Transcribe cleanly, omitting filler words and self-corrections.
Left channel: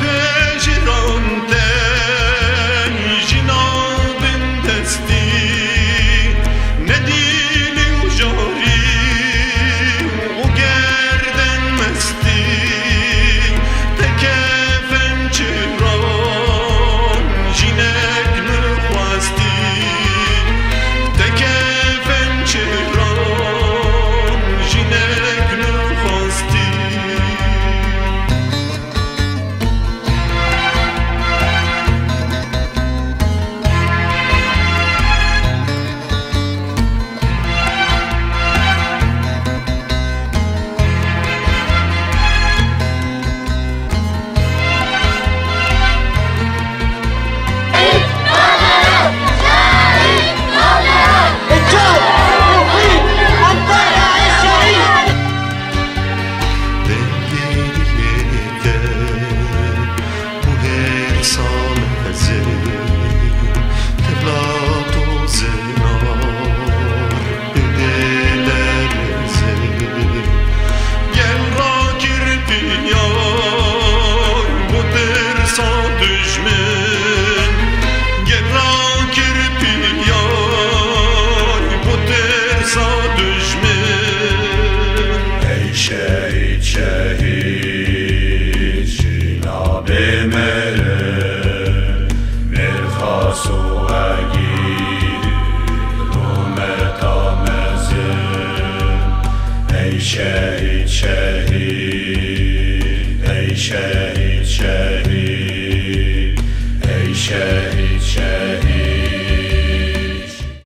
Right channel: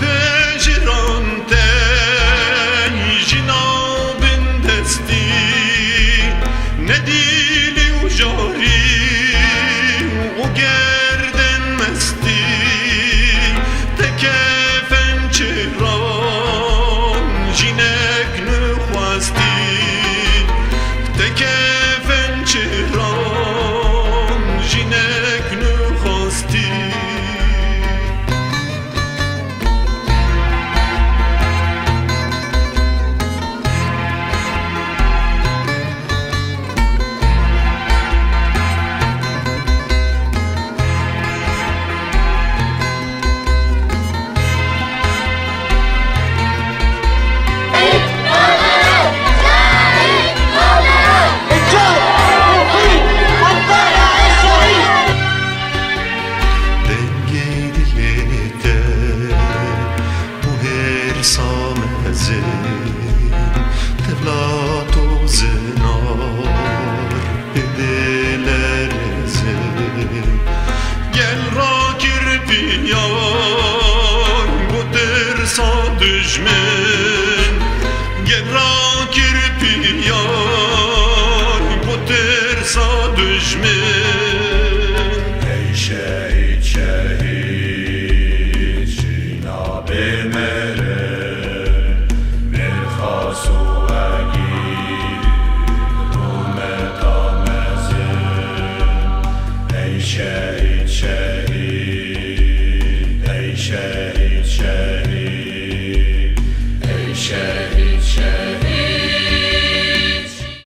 پژران جنابن دستی ندیلی و جاری و گردن مستی تکفن چران جنک نخواستی تکفن چران جنک نخواستی تبلات و زنار بدلرزه گل را kirpiyan bu dersa düşmen gel ra kirpiyan bu dersa düşmen ey şehit şehit Cenab-ı Mere merhasu agir rumeta mezin ey şehit şehit ey şehit şehit ey şehit